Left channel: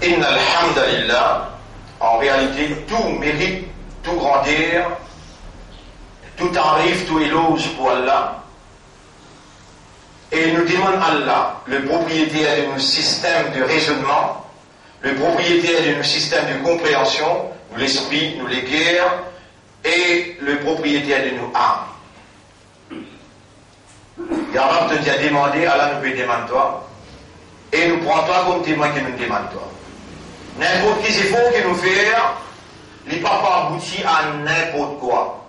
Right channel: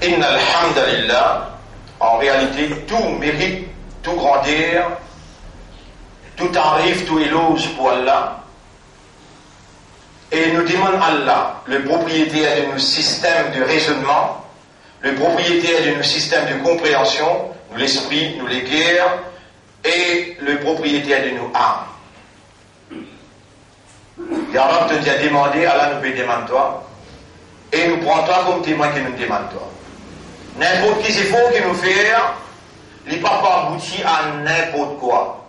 Inna alhamdulillah, en réalité, tout mérite, tout grandeur, tout arrive, tout éloge pour Allah. Et nous demandons Allah, le propriétaire de nos systèmes de raisonnement, le propriétaire de nos systèmes de compréhension, nous l'esprit, nous les guerres, et le propriétaire de nos âmes. Yarab te dit à demander, Allah nous peut demander toi, et nous prend toi comme témoin qui nous demande toi. N'importe qui effort que nous faisons, il n'est pas abouti à n'importe quoi.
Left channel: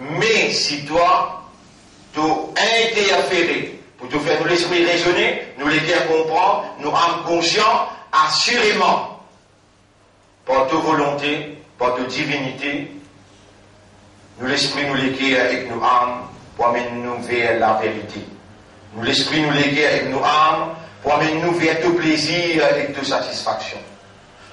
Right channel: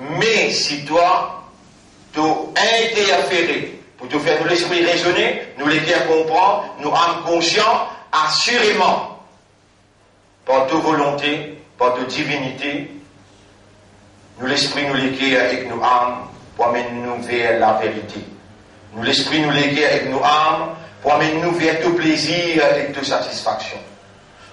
Mais si toi, tu as interféré pour te faire nous l'esprit raisonner, nous les cœurs comprendre, nous âmes conscients, assurément, par ta volonté, par ta divinité, nous l'esprit nous les cœurs avec nos âmes pour amener nous vers la vérité. Nous l'esprit nous les cœurs avec nos âmes pour amener nous vers tout plaisir et toute satisfaction.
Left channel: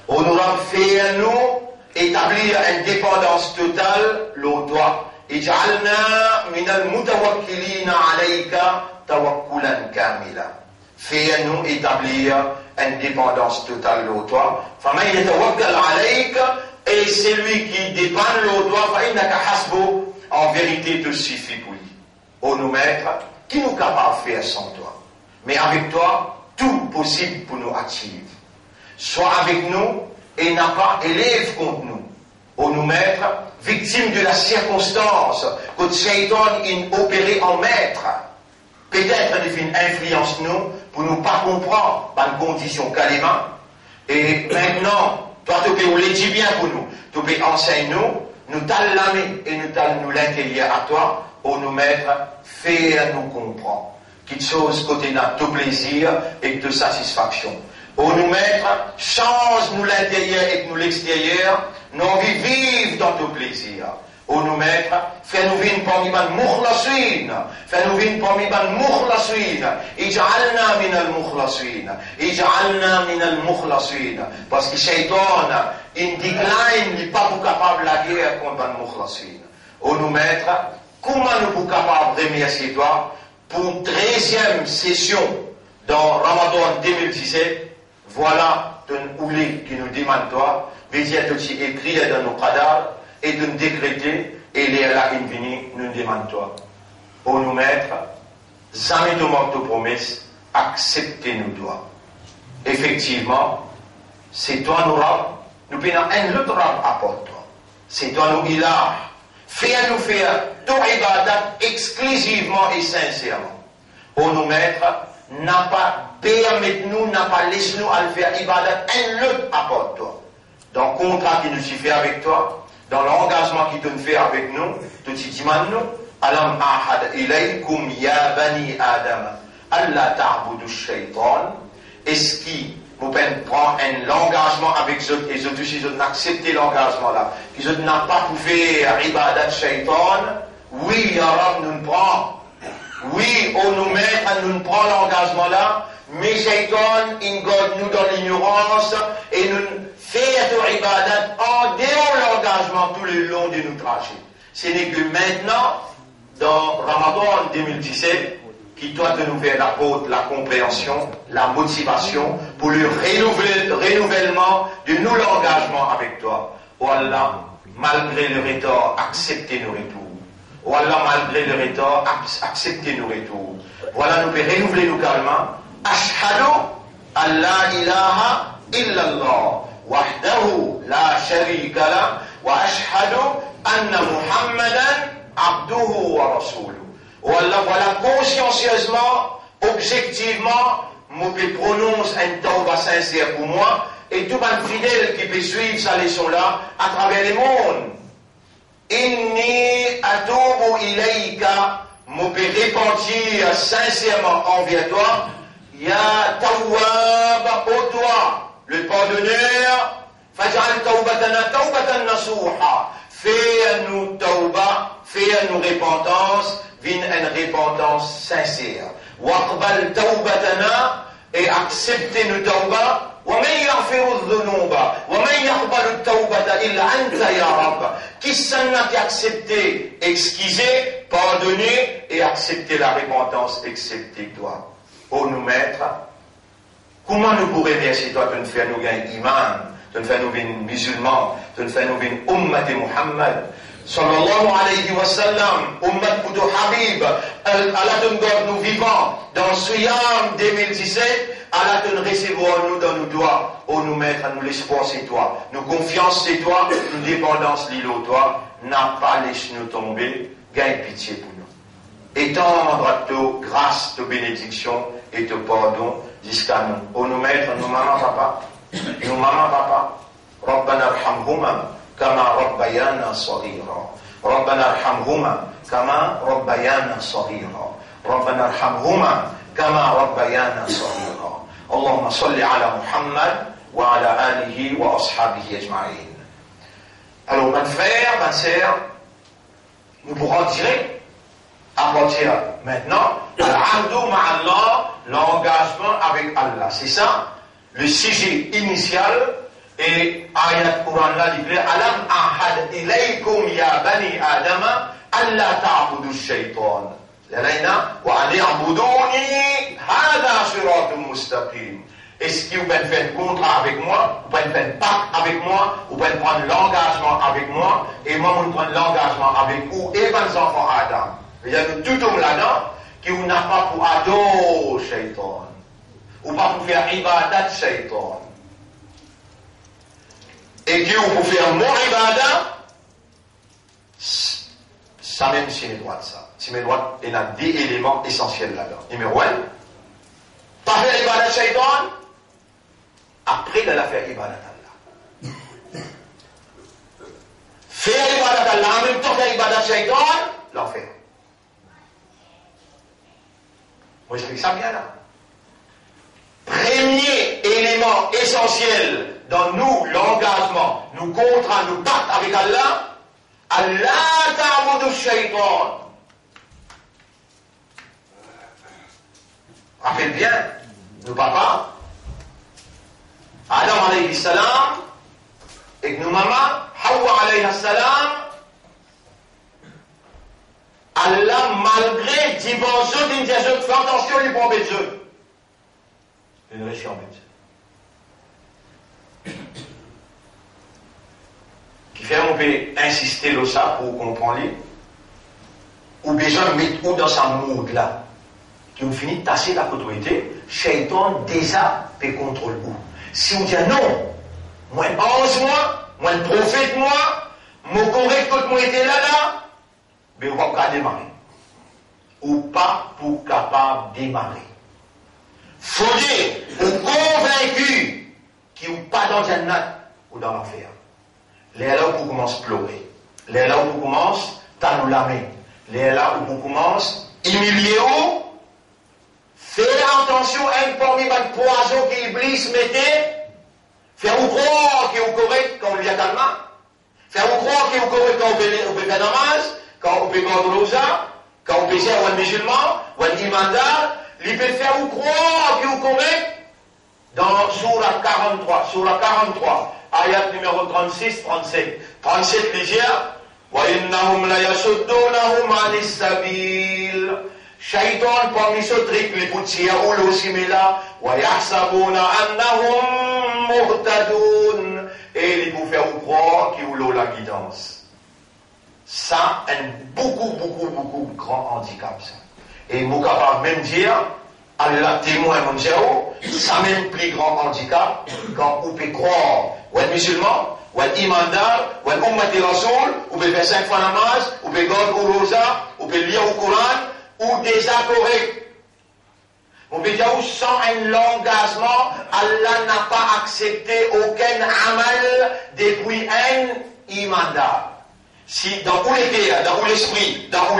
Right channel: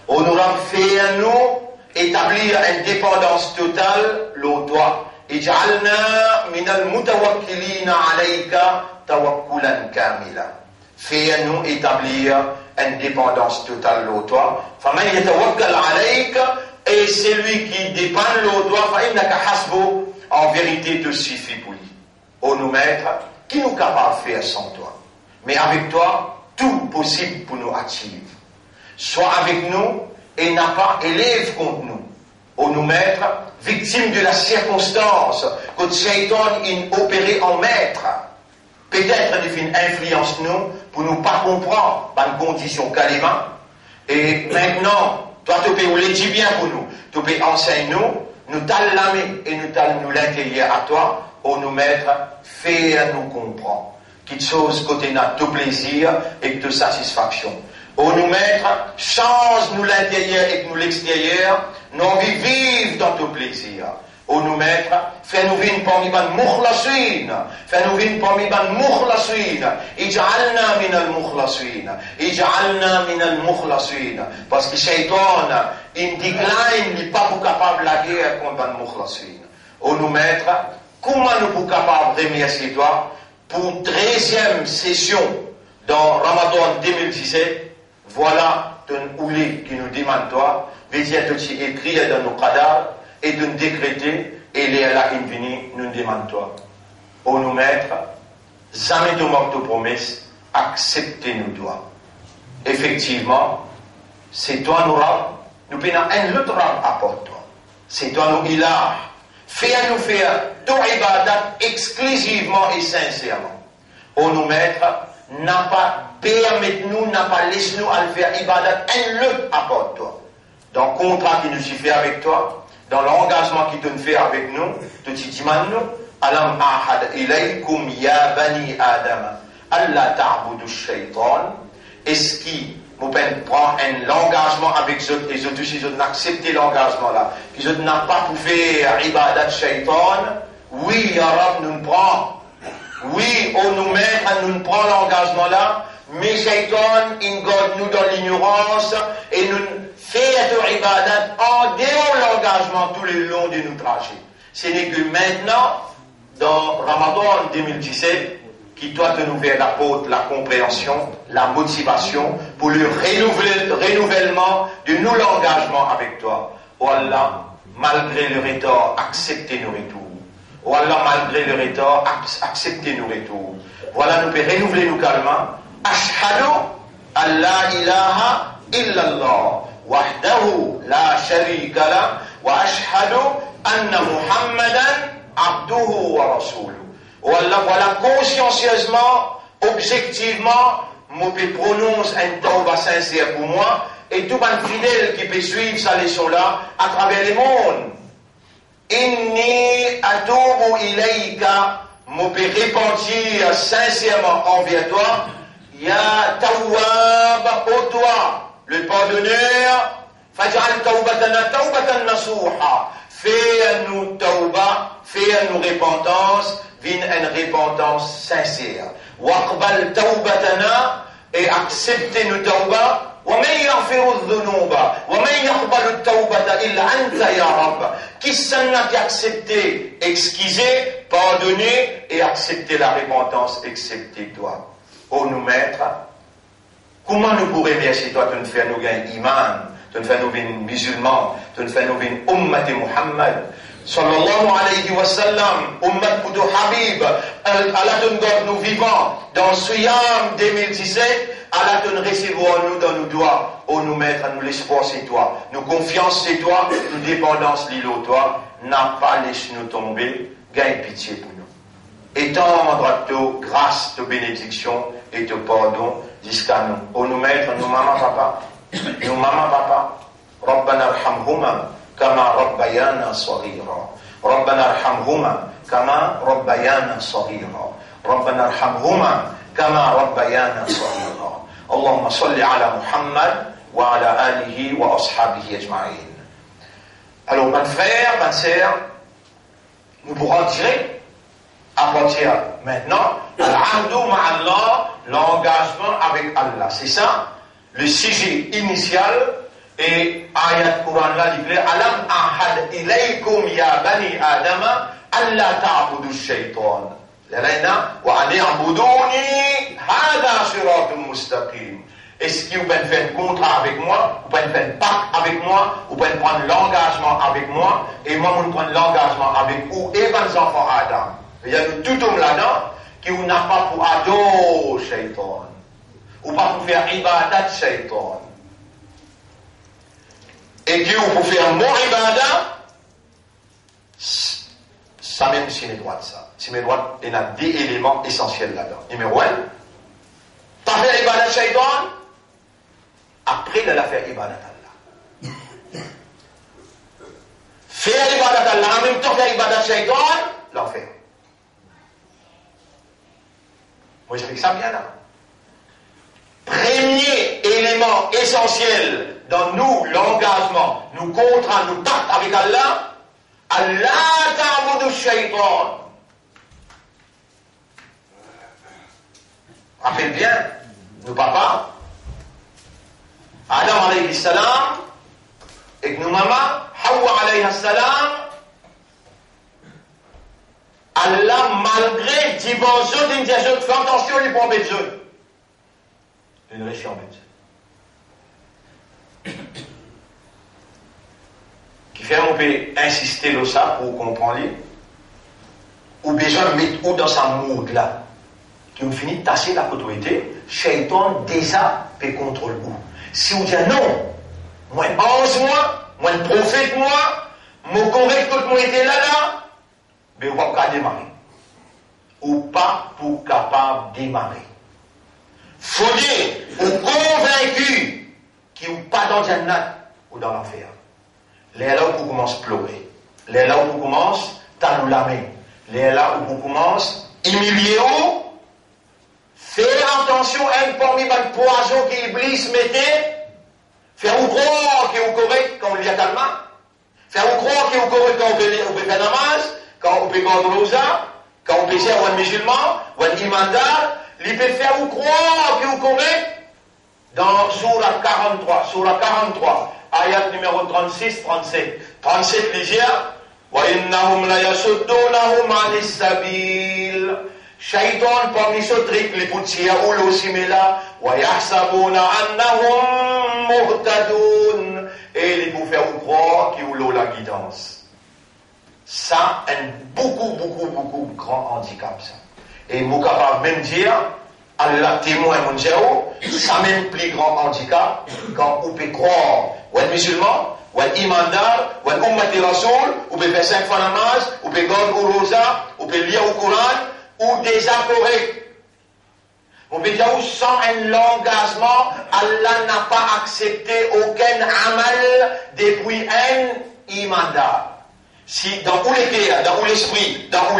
On nous a fait nous établir une dépendance totale, l'au toi. Ij'alna minal mutawakkilina alayka tawakkulan kamila. Fais-nous établir une dépendance totale, l'au toi. Faman yatawakkal alayka, et celui qui dépend, l'au toi, fa innaka hasbu, en vérité te suffit pour lui. On nous mettre, qui nous capable de faire sans toi? Mais avec toi, tout possible pour nous attirer. Sois avec nous et n'a pas élève contre nous. Ou nous mettre victimes de la circonstance que Shaitan a opéré en maître. Peut-être il influence nous pour nous pas comprendre dans une condition calima. Et maintenant, toi tu peux le dire bien pour nous. Tu peux enseigner nous t'allons l'âme et nous t'allons nous l'intérieur à toi. Ou nous mettre, faire nous comprendre. Quelque chose côté n'a tout plaisir et de satisfaction. Ou nous mettre, change nous l'intérieur et nous l'extérieur, nous vivre dans tout plaisir. Ou nous mettre, fais-nous vivre parmi ban mukhlasin, fais-nous vivre parmi ban mukhlasin, ij'alna minal mukhlasin, ij'alna minal mukhlasin. Parce que Shaitan, il décline, il n'est pas capable de la guerre contre ban mukhlasin. Ou nous mettre, comment nous sommes capables de remercier toi pour une 13e session dans Ramadan 2017? Voilà un oulé qui nous demande toi, viens aussi écrire dans nos cadavres et de nous décréter, et les là invini nous demande toi. Pour nous mettre, jamais de manque de promesse, acceptez-nous toi. Effectivement, c'est toi nous rab, nous prenons un autre rab à toi. C'est toi nous ilah. Fais-nous faire tout ibadat exclusivement et sincèrement. Pour nous mettre, n'a pas permis-nous, n'a pas laissé nous à faire ibadat un autre apport toi. Dans le contrat qui nous fait avec toi, dans l'engagement qui te fait avec nous, tu te dis nous, alam ahad ilaykum ya bani adam, Allah ta'budu shaitan, est-ce qui vous prend un engagement avec eux, et eux aussi, ils ont accepté l'engagement là, qu'ils n'ont pas pu faire ibadat shaitan, oui, ya Rab, nous prend. Oui, on nous met à nous prendre l'engagement là, mais Shaitan, il garde nous dans l'ignorance et nous fait de ibadat en dehors l'engagement tout le long de nos trajets. Ce n'est que maintenant, dans Ramadan 2017, qui doit nous faire l'apôtre, la compréhension, la motivation pour le renouvellement de nous l'engagement avec toi. Oh Allah, malgré le retard, acceptez nos retours. Oh Allah, malgré le retard, acceptez nos retours. Voilà, nous pouvons renouveler nos calmants. Ashhadu an la ilaha illallah, wahdahu la sharika la, wa ashhadu anna Muhammadan abduhu wa rasuluhu. Oh Allah, voilà, consciencieusement, objectivement, je peux prononcer un tawbah sincère pour moi, et tout un fidèle qui peut suivre sa leçon-là à travers les mondes. Inni atubu ilayka, je peux repentir sincèrement envers toi, ya tawwab, ô toi, le pardonneur, faj'al tawbatana tawbatan nasuha, fais-nous tawbah, fais-nous repentance, une repentance sincère. Waqbal tawbatana, et acceptez-nous tawbah. ومن يغفر الذنوب ومن يقبل التوبة إلا أنت يا رب. Qui s'en a accepté, excuser, pardonner et accepter la repentance, excepté toi. Ô nous maître, Comment nous pourrions remercier toi de nous faire nous gagner iman, de nous faire nous venir musulmans, de nous faire nous venir ummat de Muhammad, sallallahu alayhi wa sallam, ummat pour Habib, Allah te garde nous vivants, dans Suyam 2017, Allah te recevoir nous dans nos doigts, oh nous mettre, nous l'espoir c'est toi, nous confiance c'est toi, nous dépendance l'îlot toi, n'a pas laissé nous tomber, gagne pitié pour nous. Étendre à toi grâce, ta bénédiction et ta pardon jusqu'à nous. Oh nous mettre, nous maman papa, Rabbana arhamhuma kama rabbayana saghira. Rabbana arhamhuma kama rabbayana saghira. Rabbana arhamhuma kama rabbayana saghira. Allahumma salli ala Muhammad wa ala alihi wa ashabihi ajma'in. Alors, mes frères, mes sœurs, nous pourrons dire, à partir maintenant, al-abdu ma'allah, l'engagement avec Allah. C'est ça, le sujet initial, et ayat Quran là, dit, alam ahad ilaykum ya bani adama, alla ta'budu shaytan. L'alaina, wa an i'buduni, hada siratun mustaqim. Est-ce que vous pouvez faire un contrat avec moi, vous pouvez faire un pacte avec moi, vous pouvez prendre l'engagement avec moi, et moi, je prends l'engagement avec vous et vos enfants Adam. Il y a tout homme là-dedans qui n'a pas pour adorer Shaitan, ou pas pour faire ibadat Shaitan. Et qui ou pour faire mon ibadat, ça même c'est mes droits de ça. C'est mes droits, il y a des éléments essentiels là-dedans. Numéro 1, pas faire ibadat Shaitan. Après, il a fait ibadat Allah. Faire ibadat Allah, en même temps faire ibadat shaitan, l'enfer. Moi, j'explique ça bien là. Premier élément essentiel dans nous, l'engagement, nous contrats, nous pactes avec Allah, Allah ta'budu shaitan. Rappelle bien, nos papas, Adam alayhi salam et nos mamans, Hawa alayhi salam, Allah, malgré dimension d'indiation, fait attention, il prend besoin. Une région besoin. Qui fait, on peut insister sur ça pour comprendre, ou besoin de mettre où dans sa mood là, qui ont fini de tasser la autorité, Shaitan déjà peut contrôler où. Si on dit non, moi ange moi prophète moi, mon correct tout le monde était là, mais on va pas démarrer. Ou pas pour capable de démarrer. Faut dire, ou convaincu qu'il n'y a pas dans Jannat ou dans l'enfer. Les là où on commence à pleurer. Les là où on commence à nous lamer. Les là où on commence à humilier. Faire attention à une formidable poison qui Iblis mettait. Faire ou croire qu'il est correct quand on lit à Talma. Faire ou croire qu'il est correct quand on peut faire namaz, quand on peut garder rosa, quand on peut faire un musulman, ou un imandar. Il peut faire ou croire qu'il est correct dans Surah 43, ayat numéro 36, 37. 37 lisière. وَإِنَّهُمْ لَيَسُدُّونَهُمْ عَنِ السَّبِيلِ. Shaitan parmi ce truc, les poutiers ou l'osimela, وَيَحْسَبُونَ أَنَّهُمْ مُهْتَدُونَ. Et les pour faire ou croire qu'ils ont la guidance. Ça, un beaucoup grand handicap, ça. Et vous capable même dire, Allah témoin mon Dieu, ça même plus grand handicap quand on peut croire ou un musulman, ou un imandar, ou un ummati rasoul, ou peut faire 5 fois namaz, ou peut garder au rosa, ou peut lire au Coran, ou des incorrects. On peut dire sans un engagement, Allah n'a pas accepté aucun amal depuis un imandar. Si dans où l'état, dans où l'esprit, dans où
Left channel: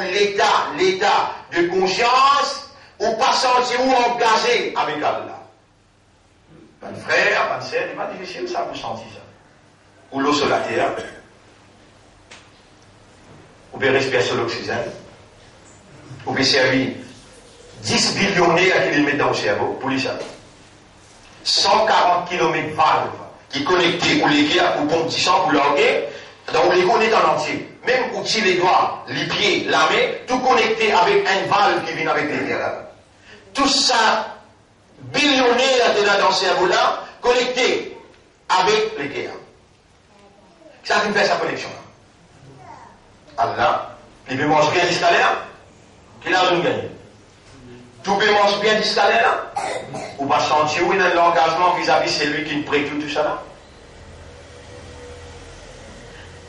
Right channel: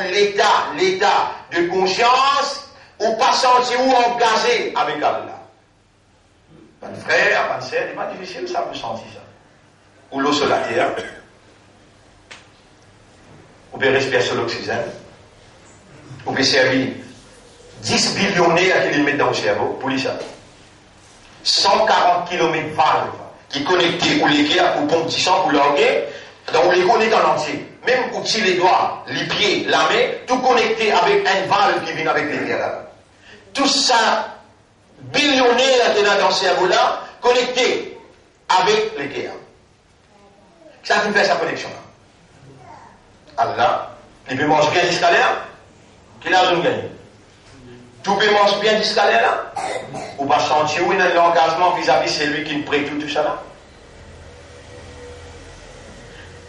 l'état de conscience, ou pas senti ou engagé avec Allah. Pas de frère, pas de sœur, c'est pas difficile ça, vous sentez ça. Ou l'eau sur la terre, ou bien respirer sur l'oxygène, ou bien servir 10 billionnaires qui les mettent dans le cerveau, pour les ça. 140 km valve qui connectent ou les guerres, ou pompe 10 sang, ou l'orgueil, donc les connectent en entier. Même outils les doigts, les pieds, la main, tout connecté avec un valve qui vient avec les guerres. Tout ça, billionnaires dans ce cerveau-là, connectés avec les guerres. Ça qui fait sa connexion. Allah, il peut manger bien jusqu'à l'air, qu'il a rien gagné. Tout peut manger bien jusqu'à l'air, là, ou pas sentir où il y a l'engagement vis-à-vis celui qui précure tout ça là.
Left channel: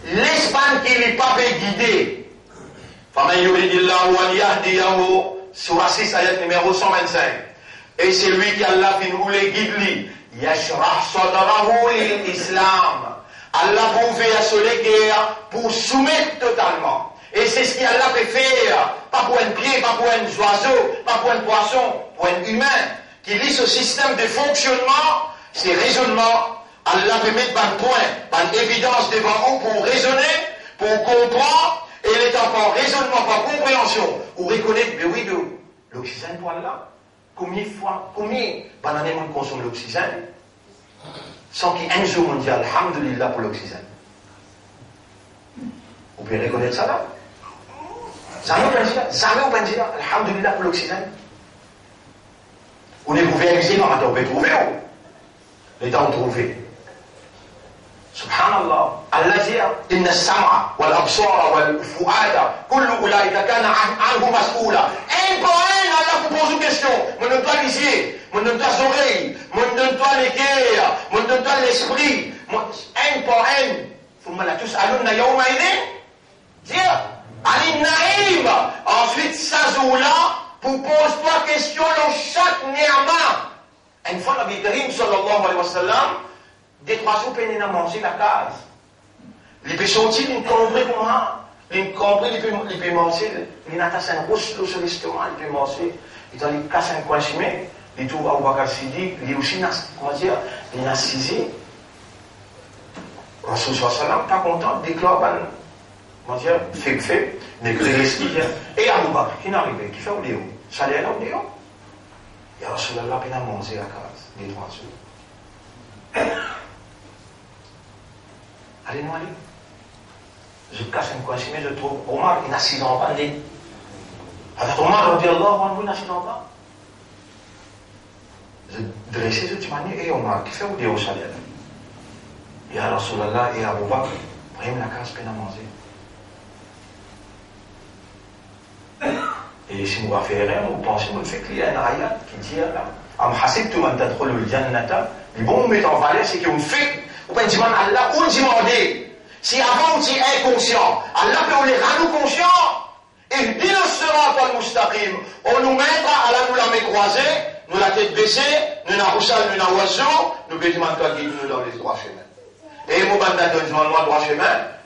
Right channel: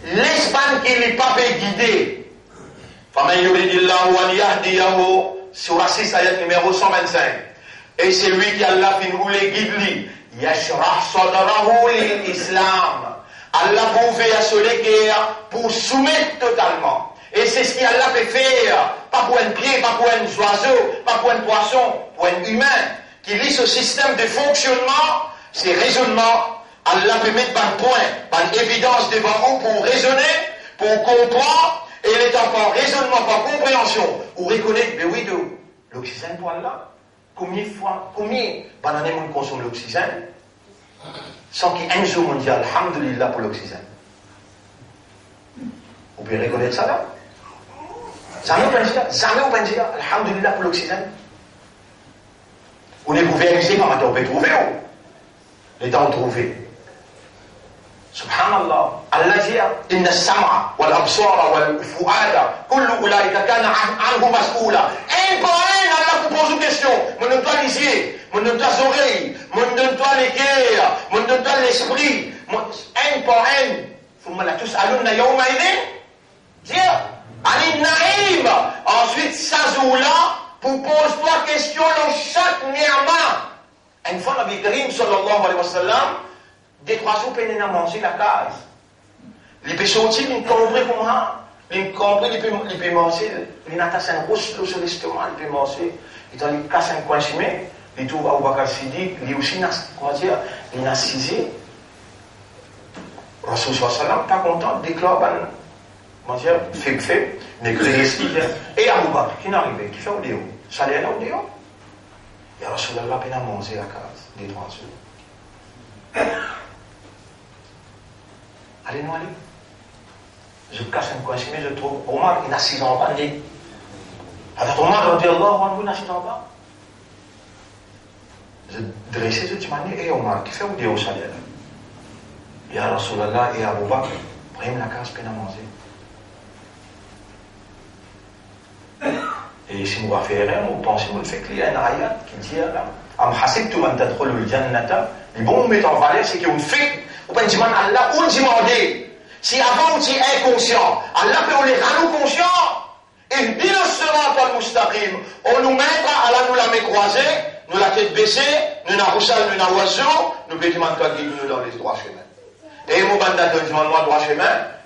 L'Espagne qui n'est pas guidé, sur 6 ayat numéro 125, et c'est lui qui Allah qui nous les guide lui, yashrah sadrahu l'islam. Allah vous fait assurer guerre pour soumettre totalement. Et c'est ce qu'Allah peut faire, pas pour un pied, pas pour un oiseau, pas pour un poisson, pour un humain, qui lit ce système de fonctionnement, ces raisonnements. Allah peut mettre un point, une évidence devant vous pour raisonner, pour comprendre, et il est encore raisonnement par compréhension, ou reconnaître, mais oui, l'oxygène pour Allah. Combien d'années on consomme l'oxygène sans qu'il y ait un jour on dit Alhamdulillah pour l'oxygène. Vous pouvez reconnaître ça là? Jamais on peut dire Alhamdulillah pour l'oxygène. On est pouvez amuser par matin, on peut trouver où? Les temps trouvés. Subhanallah. Allah dit Inna as-sam'a wal absara wal fu'ada kullu ulaika kana anhu mas'oula. Un par un, Allah vous pose une question. Mon donne toi les yeux, mon donne toi les oreilles, mon donne toi les cœurs, mon donne toi l'esprit. Un par un. Thumma la tus'alunna yawma idhin. Dire Anin na'im. Ensuite, ça jour-là, pour pose-toi question dans chaque ni'ma. Une fois, Nabi Karim sallallahu alayhi wa sallam, des 3 jours, il a mangé la case. Il peut sortir, il peut comprendre comment. Il peut manger. Il a tassé un gros sur l'estomac, il peut manger. Il a cassé un coin chimé. Il trouve Abu Bakr Sidi, il est aussi, comment dire, il a cisé. Rasul sallallahu alayhi wa sallam, pas content, déclare, comment dire, fait, mais créé ce qu'il fait. Et Abu Bakr, qui n'est arrivé, qui fait au déo. Ça allait là au déo. Et Rasulallah, il a mangé la case, des 3 jours. Allez-nous aller. Je casse un coin mais je trouve Omar, il a 6 ans en bas. Alors Omar, on dit Allah, il a 6 ans en bas. Je dressais, je dis, et Omar, qui fait où dire au salaire? Et à Rasulallah et à Abu Bakr, prennent la case, peine à manger. Et si nous va faire rien, on pense que nous fait qu'il y a un ayat qui dit là, Am hasibtum an tadkhulul jannata, le bon met en valeur, c'est qu'on fait. Ou bien dire Allah, on dit si avant on dit inconscient, Allah peut on les rendre conscients. Et bien sera al mustaqim. On nous mettra, Allah nous la met croisée, nous la tête baissée, nous n'a roussal, nous n'a oiseau, nous peut demander toi guide nous dans les 3 chemins. Et mon bandat de moi 3 chemins,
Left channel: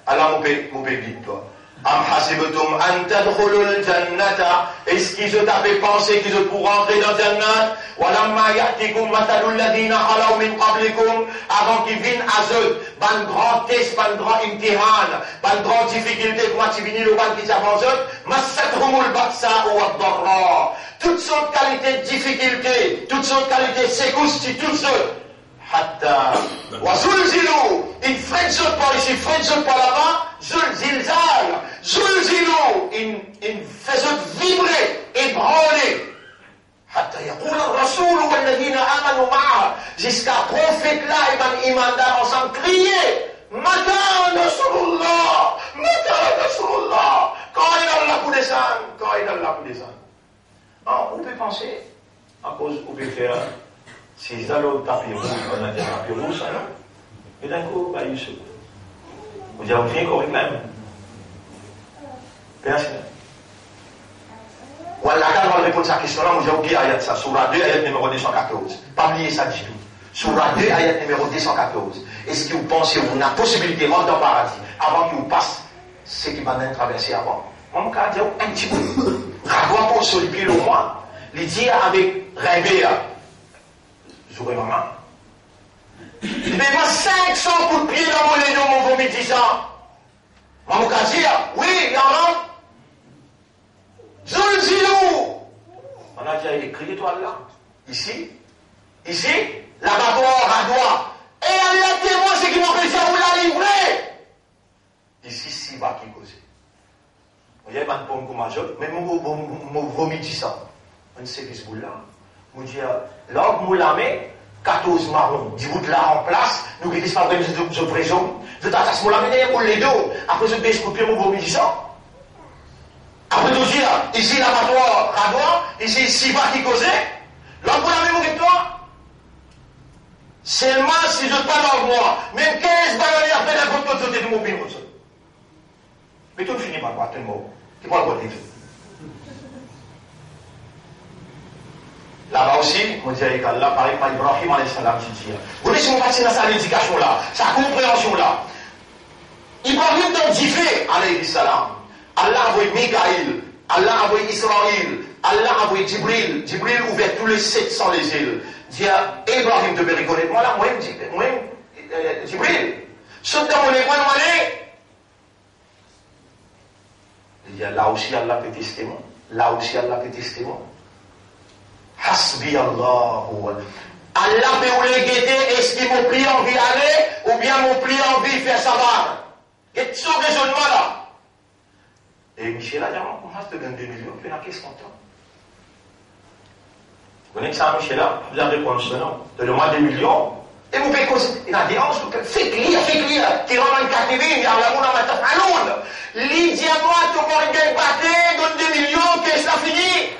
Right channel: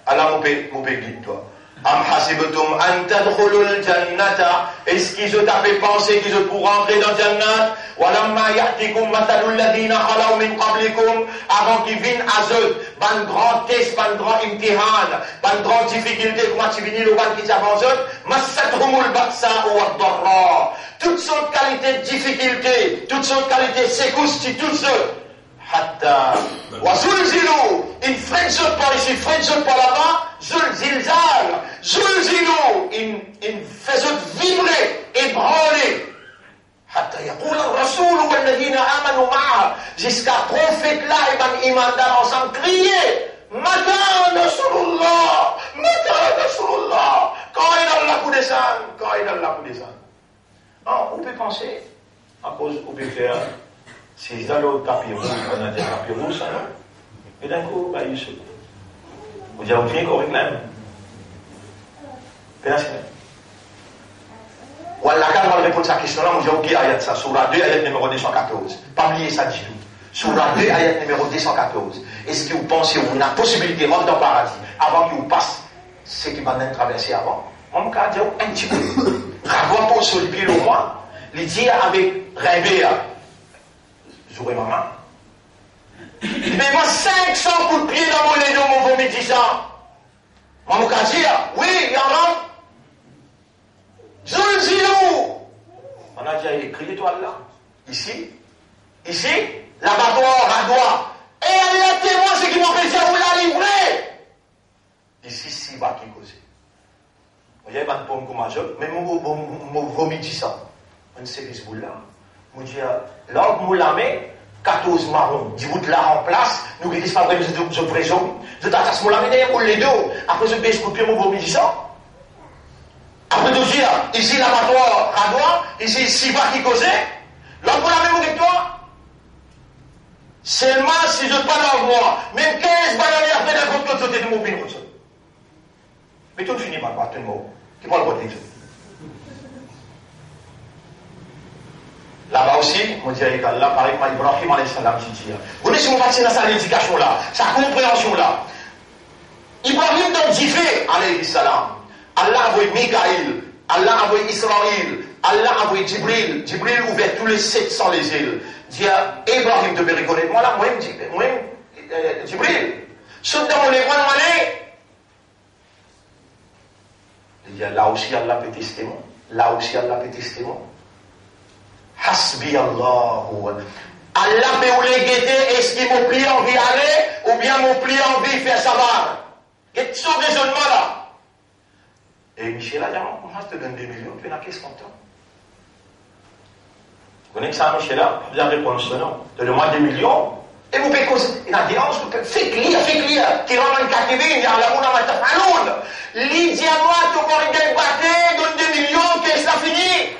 Allah mon peut guide toi. Am hasibtum an tadkhulul jannata, est-ce qu'ils ont fait penser qu'ils ont pour rentrer dans Jannat? Walamma ya'tikum mathalul ladina khalaw min qablikum, avant qu'ils viennent à eux, ban grand test, ban grand imtihan, ban grand difficulté, comment tu viens le ban qui s'avance, massathumul ba'sa wa ad-darra. Toutes sortes de qualités de difficulté, toutes sortes de qualités de secousses, toutes sortes. Hatta wa zulzilu, il freine ce par ici, freine ce par là-bas, zulzilzal, zulzilu, il fait vibrer, ébranler. Hatta yaqul ar-rasul wal ladina amanu ma'a, jusqu'à prophète là et ban imandar ensemble crier, Mata Nasrullah, Mata Nasrullah, quand il a la coup descend, quand il a la coup descend. On peut penser, à cause, on peut faire. Si ils allaient au tapis rouge, on a dit tapis rouge, ça, non? Et d'un coup, bah, il se. Vous avez oublié qu'on réclame. Merci. Voilà, quand on répond à cette question-là, vous avez oublié ayat ça, Surah 2, ayat numéro 214. Pas oublier ça du tout. Surah 2, ayat numéro 214. Est-ce que vous pensez qu'on a la possibilité de rentrer dans le paradis avant qu'il vous passe ce qui va nous traverser avant? On va dire un petit peu. Ravoir pour sur le pied le roi, les dire avec rêver. J'aurais maman. Mais moi, 500 coups de pied dans mon légion, mon vomi 10 ans. Moi, mon cas dire, oui, il y en a. Zulzilou. On a déjà écrit l'étoile là. Ici, l'abattoir, radoir. Et Allah témoin, c'est qui m'ont fait ça, vous la livrer. Ici, 6 bas qui causent. Vous voyez, pas de pomme comme un jour, mais mon vomi 10 ans. On sait que ce bout là. Je dis, là, vous l'avez, 14 marrons, 10 bouts là en place, nous qui disons pas de prison, de tatas moulame derrière pour les deux, après je baisse pour vous vous ça. Après tout dire, ici l'abattoir Radois, ici Siva qui causait, là vous l'avez avec toi. Seulement si je pas dans moi, même 15 ballonniers après la côte côté de mon pays. Mais tout finit par battre le mot, qui prend le côté de tout. Là-bas aussi, on dirait qu'Allah, pareil, par Ibrahim alayhi salam, vous voyez si on passe dans sa éducation là, sa compréhension là. Ibrahim dans Djifé, alayhi salam. Allah a envoyé Mikaïl, Allah a envoyé Israël, Allah a envoyé Djibril. Djibril ouvert tous les 700 les îles. Dit à Ibrahim de reconnaître, moi là, moi, Djibril. Sauf dans mon école, il dit là aussi Allah peut tester moi. Là aussi Allah peut tester moi. Hasbi Allah. Allah peut vous les guetter, est-ce qu'il m'a pris envie d'aller ou bien m'a pris envie de faire savoir. Et tout ce raisonnement là. Et Michel a dit, on va te donner 2 millions, puis on a qu'est-ce qu'on t'a. Vous connaissez ça, Michel là? Vous avez répondu ce nom. Donnez-moi 2 millions. Et vous pouvez causer. Il a dit, faites lire. Qui rend un catégorie, il y a la mouna matin à l'onde. Lydia, moi, tu vas regarder, battre, donne 2 millions, qu'est-ce que ça finit?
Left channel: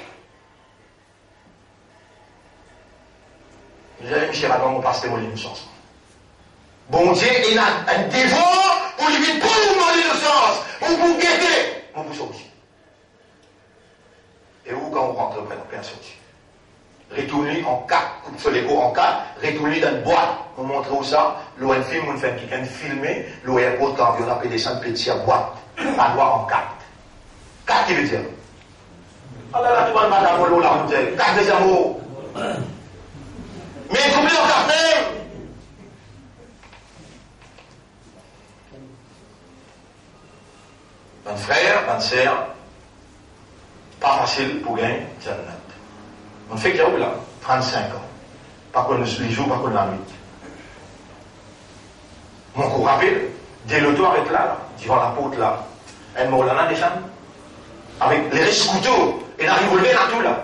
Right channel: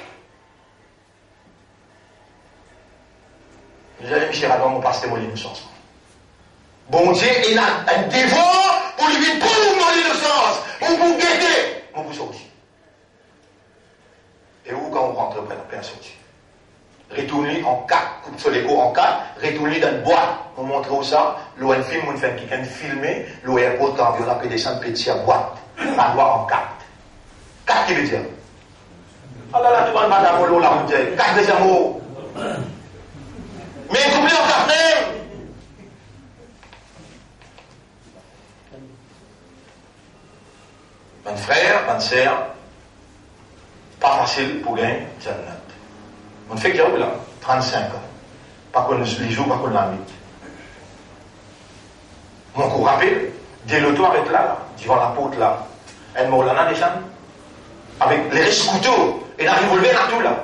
Vous avez Michel avant, on passe témoigner l'innocence. Bon Dieu, il a un dévot pour lui dire, pour vous l'innocence, pour vous guetter. On vous sortit. Et où, quand on rentre, on peut sortir. Retournez en 4, coupe sur les cours en 4, retournez dans une boîte. On montre où ça, l'eau un film, on fait quelqu'un filmer, l'eau est autant, on a descendre petit à boîte. La loi en 4. 4 qui veut dire. Ah là là, tu vas madame, l'eau là, on dit, 4 des amours. Mais couplez en 4 même. Un frère, une sœur, pas facile pour gagner Jannat. On fait qu'il y a là, 35 ans. Pas qu'on les joue, pas qu'on la nuit. Mon coup rappelle, dès le toit avec là, devant la porte là, elle m'a là, des gens, avec les risques couteaux, et la revolver dans tout là.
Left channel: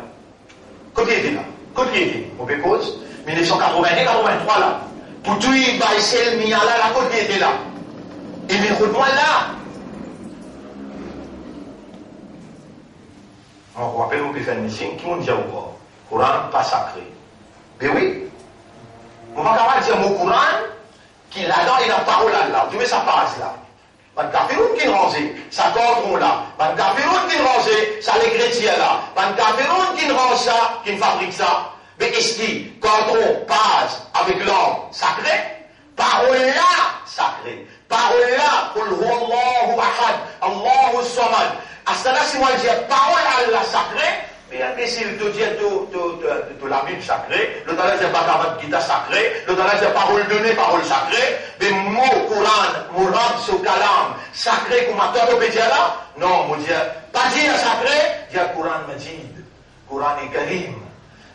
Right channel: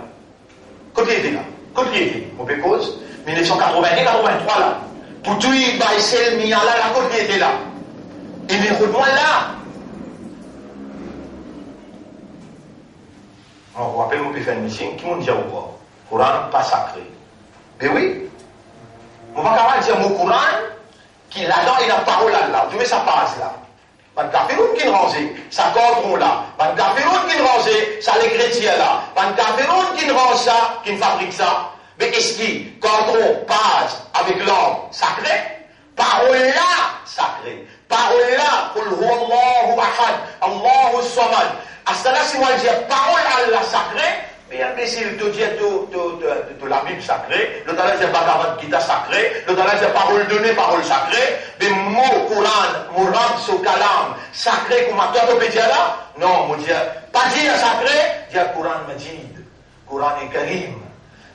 Côté était là, côté était, on peut cause, 1980-83 là. Pour tout, il va essayer de là, la côté était là. Et les routes, moi là. On rappelle, on peut faire une mission, qui m'ont dit au corps. Coran pas sacré. Mais oui, on va quand même dire mon Coran, qui là-dedans, il a parole là. Tu mets sa passe là. Pas de café qui rangé, ça cordon là. Pas de café qui rangé, ça les chrétiens là. Pas de café qui range ça, qui fabrique ça. Mais est-ce que quand on passe avec l'homme sacré, parole là sacré. Parole là, Qul huwallahu ahad, Allahu samad. À cela, si moi je dis parole Allah sacrée, mais imbécile, te dire de la Bible sacrée, le talent c'est Bhagavad Gita sacré, le talent c'est parole donnée, parole sacrée, mais mot Coran, Mourad, so kalam, sacré, comme toi tu peux dire là? Non, moi dire, pas dire sacré, dire Coran Majid, Coran Karim,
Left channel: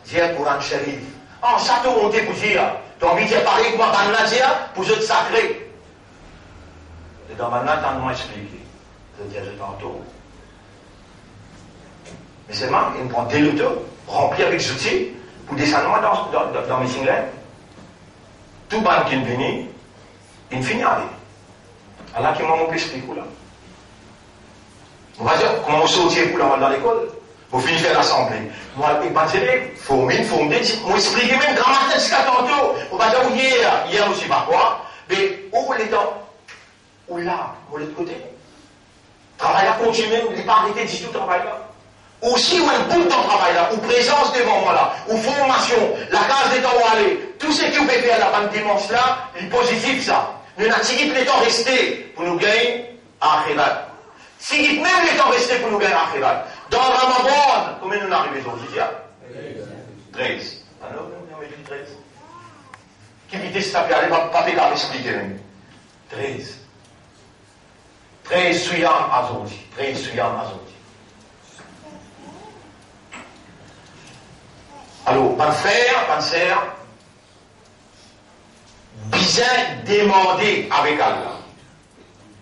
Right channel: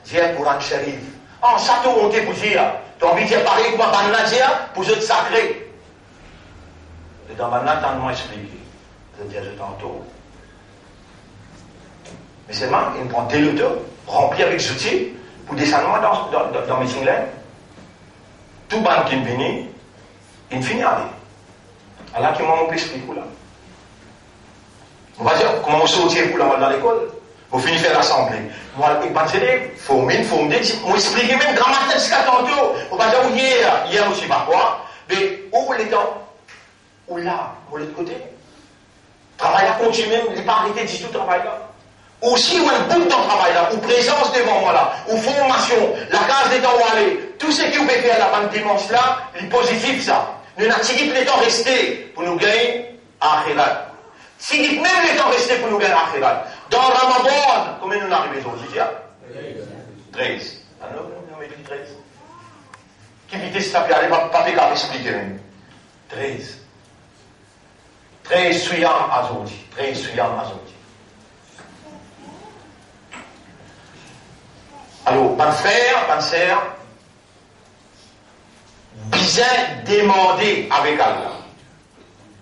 dire Coran Sharif. En ça te monter pour dire, tu as envie de dire pareil comme Banna dire, pour être sacré. Et dans Banna, t'as moins expliqué. Je dis, je tantôt. Mais seulement, il prend des lotos remplis avec outils pour descendre dans mes singlets. Tout le monde qui vient, il finit avec. Alors, qui m'a montré l'esprit pour là. On va dire, comment on sortir pour là dans l'école? On finit faire l'assemblée. Moi, il m'a dit, faut m'expliquer même grammaire jusqu'à tantôt. On va dire, hier aussi, par quoi? Mais où les temps? Où là? Où l'autre côté? Travail à continuer, il n'est pas arrêté du tout travail là. Aussi, où un bout de travail là, ou présence devant moi là, ou formation, la case des temps où aller, tout ce qui vous fait faire la bonne dimanche là, il est positif ça. Nous n'avons pas les temps restés pour nous gagner à Akhirat. Si même les temps restés pour nous gagner à Akhirat. Dans Ramadan, combien nous arrivons aujourd'hui? 13. Ah non, on a dit 13. Qui vite se taper, allez, pas faire expliquer même. 13. 13 suyam aujourd'hui. 13 suyam aujourd'hui. Alors, mon frère, ma sœur, bien demander avec Allah.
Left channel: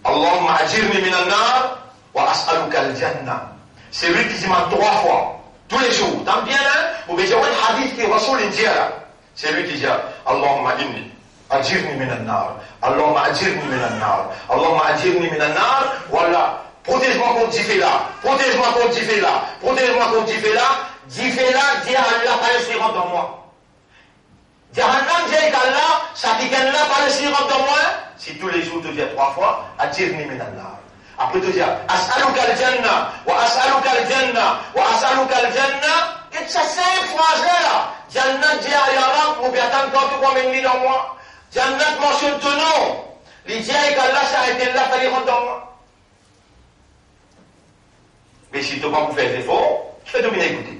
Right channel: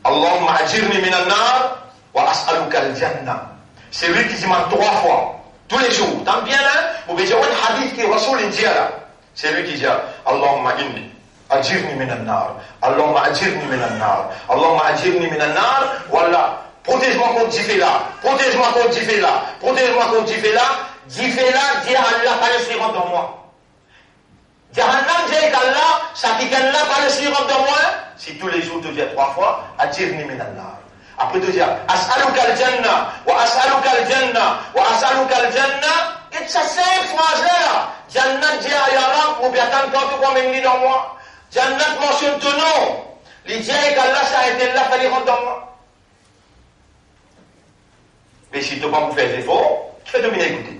Allahumma ajirni minan nar wa as'aluka al-jannah. C'est lui qui demande 3 fois. tous les jours. Tant bien là, vous voyez un hadith qui Rasoul dit là. C'est lui qui dit Allahumma inni ajirni minan nar. Allahumma ajirni minan nar. Allahumma ajirni minan nar. Voilà. Protège-moi contre Difela. Protège-moi contre Difela. Protège-moi contre Difela. Difela, dit Allah, pas le rentre dans moi. Jahannam, dit Allah, ça qui gagne là, pas le rentre dans moi. Si tous les jours tu dis 3 fois, ajirni minan nar. Après tu dis as'aluka al-jannah, wa as'aluka al-jannah, wa as'aluka al-jannah. Et ça simple phrase là. Jannat dit à Yaram, ou bien tant que tu m'emmènes dans moi. Jannat mentionne ton nom. Il dit qu'Allah, ça a été là, fallait rentrer dans moi. Mais si tu ne peux pas vous faire des efforts, tu fais de bien écouter.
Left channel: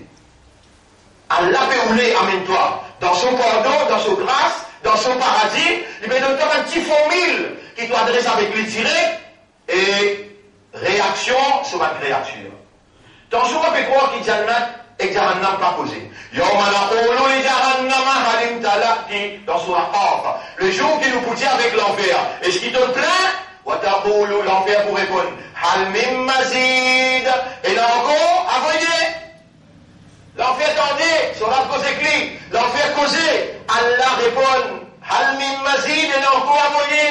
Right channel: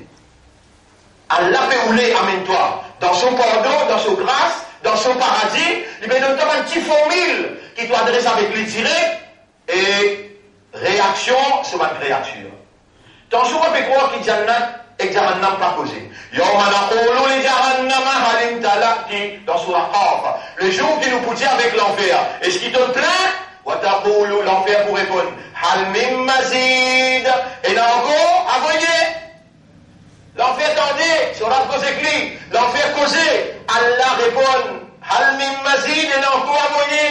Allah peut rouler, amène-toi, dans son pardon, dans son grâce, dans son paradis, il va donner un petit formule qui doit adresser avec les tirés et réaction sur ma créature. Dans ce qu'on peut croire qu'il Jannat et Jahannam pas causé. Dans Surah Qaf, le jour qui nous pousse avec l'enfer, est-ce qu'il te plaît? L'enfer pour répondre Hal min mazid. Et là encore, à voyer. L'enfer tendait, sur la cause écrit, l'enfer causé. Allah répond Hal min mazid. Et là encore, à voyer.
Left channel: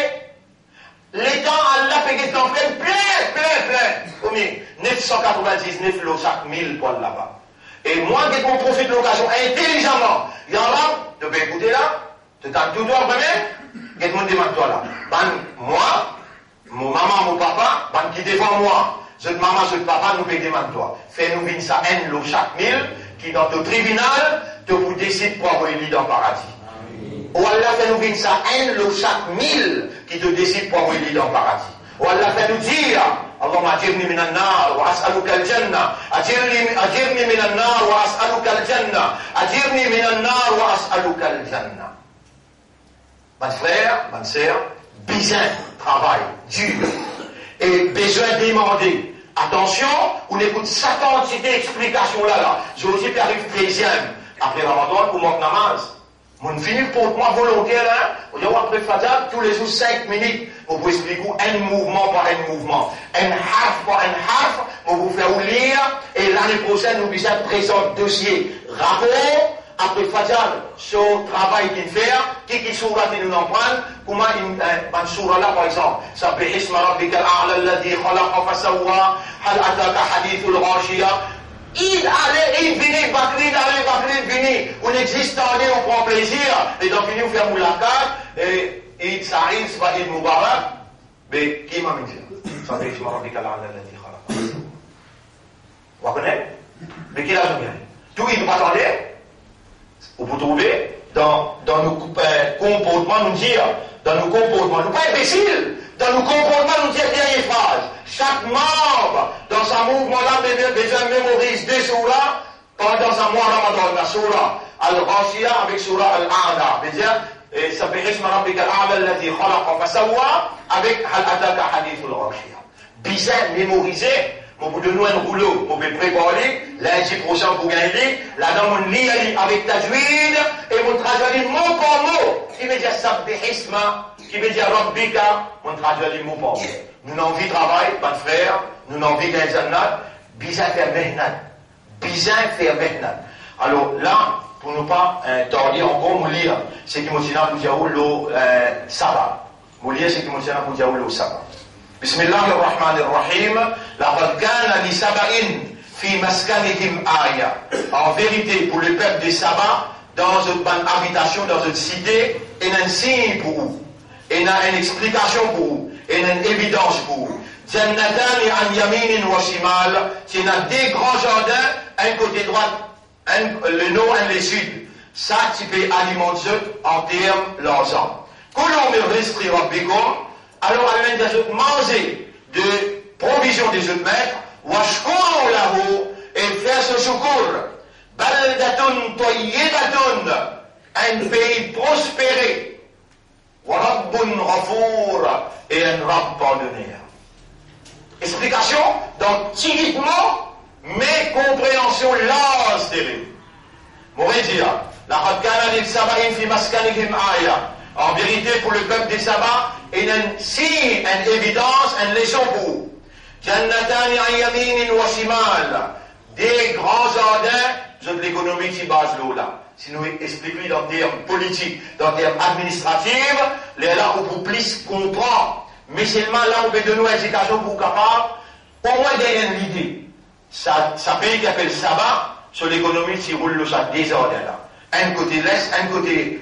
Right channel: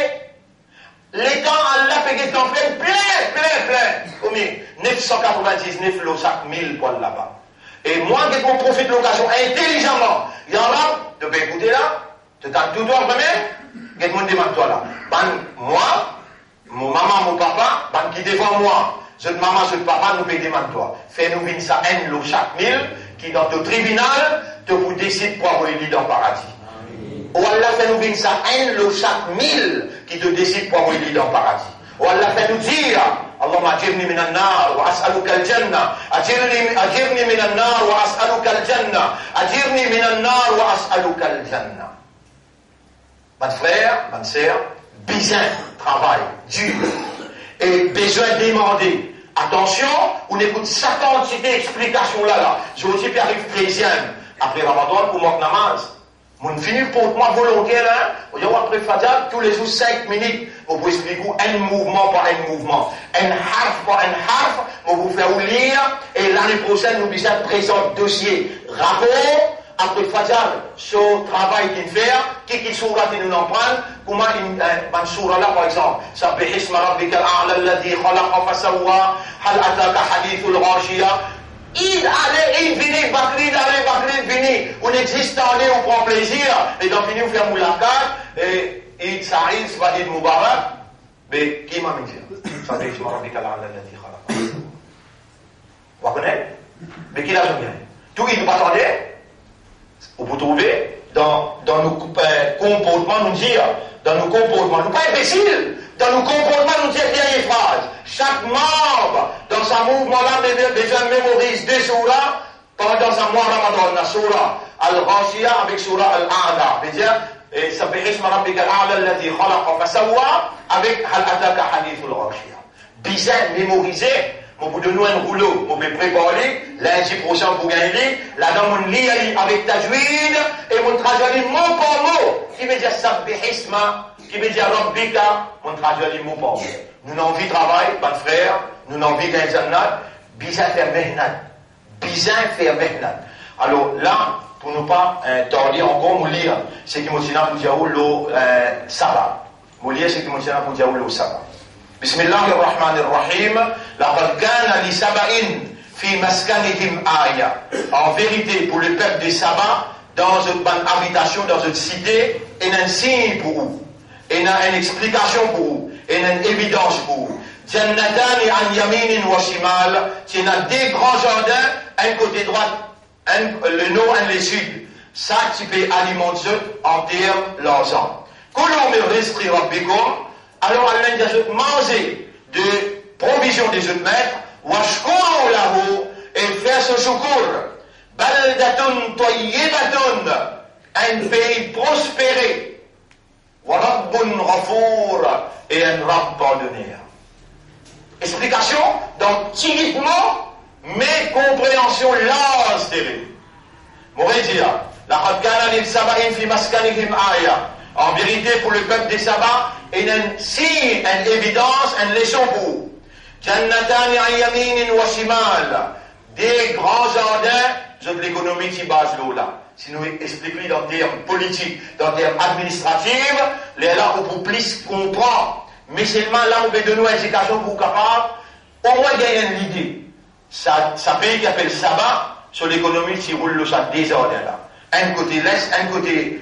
L'étant Allah fait l'enfer plein. Combien 999 lots chaque 1000 poils là-bas. Et moi, qui profite de l'occasion intelligemment, il y en a, tu peux écouter là, tu t'as tout droit vraiment, et tout le monde toi là. Moi, mon maman, mon papa, qui devant moi, cette maman, ce papa, nous payons toi. Fais-nous venir ça, un lot chaque 1000, qui dans le tribunal, te vous décide pour avoir une dans le paradis. Ou Allah fait nous venir ça, un lot chaque 1000, qui te décide pour avoir une dans le paradis. Ou Allah fait nous dire, Allahumma ajirni minan nar wa as'aluka al-jannah. Ajirni minan nar wa as'aluka al-jannah. Ajirni minan nar wa as'aluka al-jannah. Mon frère, ma sœur, besoin, travail, dur. Et besoin de demander. Attention, on écoute sa quantité d'explications là. J'ai aussi fait arrive 13e. Après Ramadan, pour moi, namaz. Mon fini pour moi volontaire là, après Fajr, tous les jours 5 minutes, on vous explique un mouvement par un mouvement, un harf par un harf, on vous fait lire, et l'année prochaine, nous allons présenter dossier, rapport, après Fajr, sur le travail qu'il fait, qui soura qui nous en prend, comment une soura là par exemple, ça peut isma rabbika al-a'la alladhi khalaqa fasawwa, hal ataka hadithul ghashiya. Il allait, il venait, Bakri, venait. On existe en lieu, on prend plaisir. Et donc, il nous fait moulakat. Et il s'arrive, va dire Moubarak. Mais qui m'a dit ça? Ça dit, je m'en rappelle qu'Allah l'a dit. Vous comprenez? Mais qui l'a jamais? Tout, il nous attendait. On peut trouver dans nos comportements, nous dire, dans nos comportements, nous pas imbéciles. Dans nos comportements, nous dire bien les phrases. Chaque membre, dans un mouvement-là, déjà mémorise des surahs, pendant un mois Ramadan, la surah Al-Ghashiyah avec surah Al-A'la. C'est-à-dire, ça fait Isma Rabbika Al-A'la alladhi khalaqa fasawwa avec Hal ataka hadithul ghashiyah. Bien mémorisé, on vous donne un rouleau, on peut préparer, lundi prochain pour gagner, là-dedans on lit avec tajwid, et on traduit mot par mot, qui veut dire Sabbihisma, qui veut dire Rabbika, on traduit mot par mot. Nous n'avons envie de travail, pas de frère, nous n'avons envie d'un jannat, bizarre faire maintenant. Alors là, pour ne pas tarder encore, nous lire ce qui m'a dit pour dire le sabbat. Nous lire ce qui m'a dit pour dire le sabbat. Bismillahirrahmanirrahim. Laqad kana li saba'in fi maskanihim aya. En vérité, pour le peuple des sabbats, dans une bonne habitation, dans une cité, il y a un signe pour vous. Il y a une explication pour vous. Il y a une évidence pour vous. Jannatani an yaminin wa shimal. Il y a des grands jardins, un côté droit, le nord et le sud. Ça, tu peux alimenter en termes l'argent. Kulou min rizqi rabbikum. Alors, Allah dit manger de provisions des autres maîtres, washkuru lahu, et faire ce secours. Baldatun tayyibatun, un pays prospéré. Wa rabbun ghafour, et un rabb pardonneur. Explication, donc, typiquement, mais compréhension large des règles. M'aurait dit, laqad kana lil saba'in fi maskanihim aya. En vérité, pour le peuple des sabbats, il y a un signe, une évidence, une leçon pour vous. Jannatani an yaminin wa shimal. des grands jardins de l'économie qui base là. Si nous expliquons dans des termes politiques, dans des termes administratifs, les là où vous plus comprendre. Mais seulement là où on donne une éducation pour capable, au moins gagner l'idée. Ça pays qui appelle Sabah, sur l'économie qui roule ça désordre là. Un côté l'est, un côté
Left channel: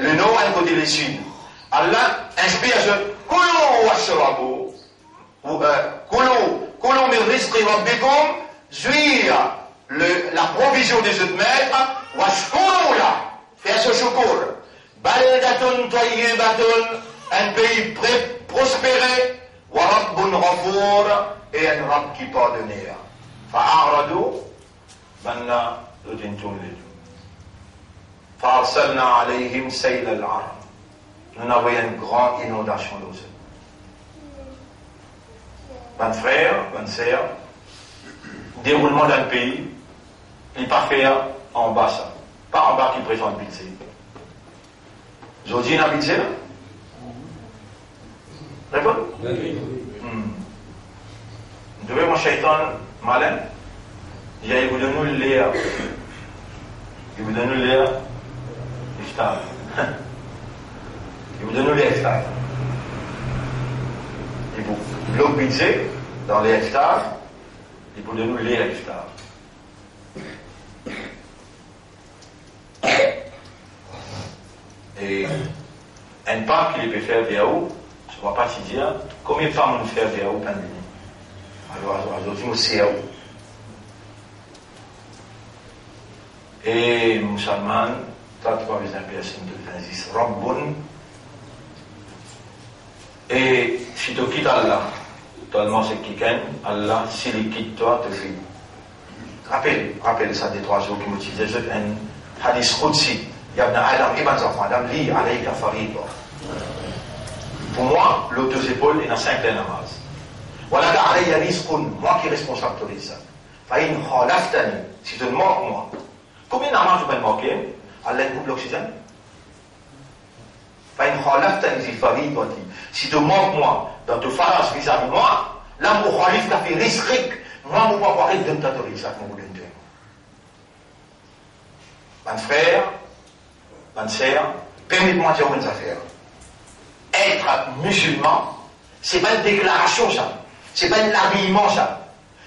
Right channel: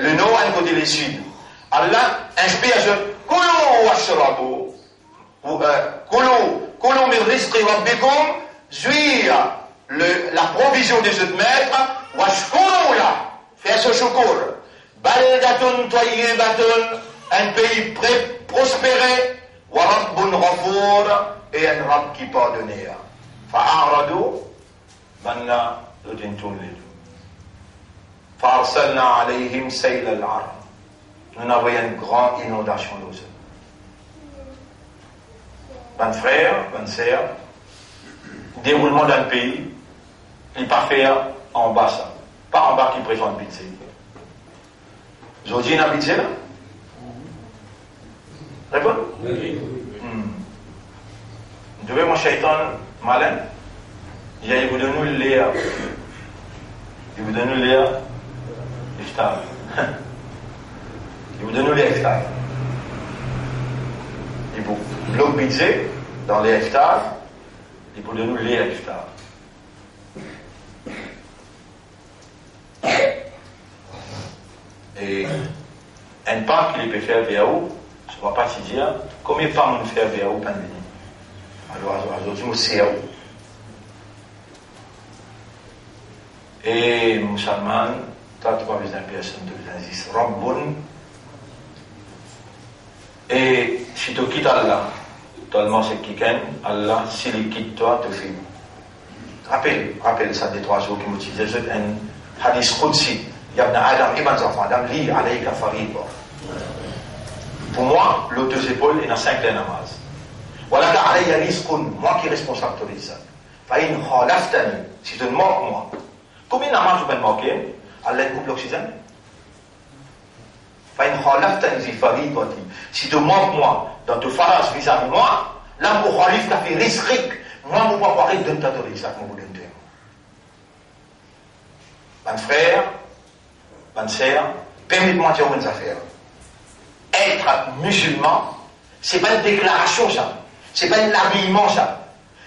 le nord, un côté le sud. Allah inspire ce Koulou washrabu. Koulou min rizqi rabbikum, jouir la provision de ce maître, washkourou là, faire ce choukour. Baldatun tayyibatun, un pays prospéré, wa rabbun ghafour, et un rab qui pardonne. Fa'aradu, banna l'udintum les deux. Fa'arsalna alayhim sayl al-aram. Nous avons une grande inondation d'eau. Mes frères, mes sœurs, déroulement d'un pays, il n'est pas fait en bas ça. Pas en bas qui préfère le budget. Vous avez dit un budget là? D'accord? Oui. Vous devez mon shaitan malin. Il vous donne le lait. Il vous donne le lait. Il vous donne les hectares. Il vous bloque budget dans les hectares. Il vous donne les hectares. Et un parc qu'il peut faire vers où, je ne vais pas te dire combien de femmes nous faire vers où pandémie. Alors, aujourd'hui, nous c'est où. Et musulman, tu as 3 personnes de l'Aziz, Rabbun. Et si tu quittes Allah, tellement c'est qui ken, Allah, s'il quitte toi, te fait. Rappelle ça des 3 jours qui m'utilisent. Un hadith Qudsi. Yabna Adam, Ibn Zafan, Adam, li alayka fariba. Pour moi, l'autre 2 épaules est dans 5 namaz. Voilà alayya rizqun, moi qui est responsable de ça. Fa'in khalaftani, si tu me manques moi. Combien de namaz je vais me manquer? Allah coupe l'oxygène. Si tu manques moi dans ton farage vis-à-vis moi, là, mon khalif t'a fait risque. Moi, mon papa, il donne ta autorisation, mon boulot de mon frère, ma sœur, permettez-moi de dire une affaire. Être musulman, c'est pas une déclaration, ça. C'est pas un habillement, ça.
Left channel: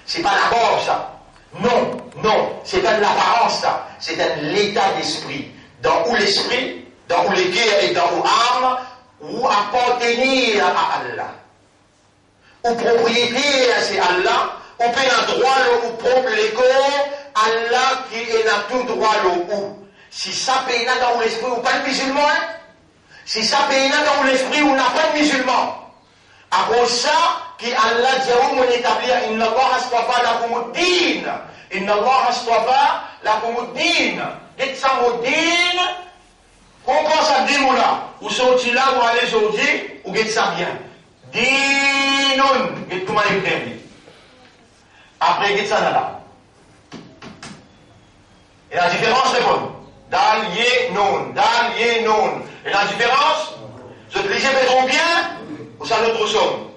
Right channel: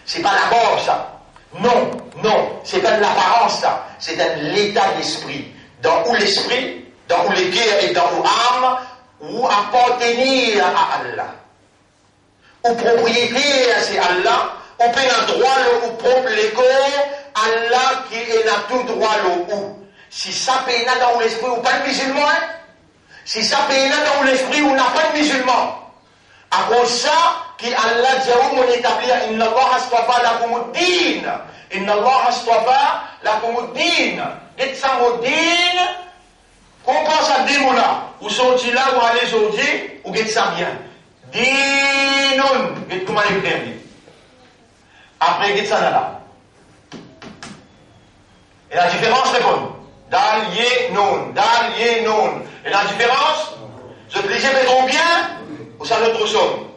C'est pas la gorge, ça. Non, c'est pas de l'apparence, ça. C'est un état d'esprit. Dans où l'esprit, dans où les guerres et dans où âme, où appartenir à Allah. Où propriété, c'est Allah. Où paye un droit, où propre les corps, Allah qui est dans tout droit, où. Si ça paye dans l'esprit, ou pas de musulman, si ça paye dans l'esprit, ou n'a pas de musulman. À cause ça, qui Allah dit, on établir, Inna Allah astafa lakumuddin. Inna Allah astafa lakumuddin. Qu'est-ce que ça me dit? On pense à dire là, ou sorti là, ou aller sortir, ou qu'est-ce que ça vient? Dinun. Qu'est-ce que vous écrit? Après, qu'est-ce que ça là? Et la différence, c'est bonne. Dal, non. Et la différence, je te disais, mais combien? Ou ça notre somme?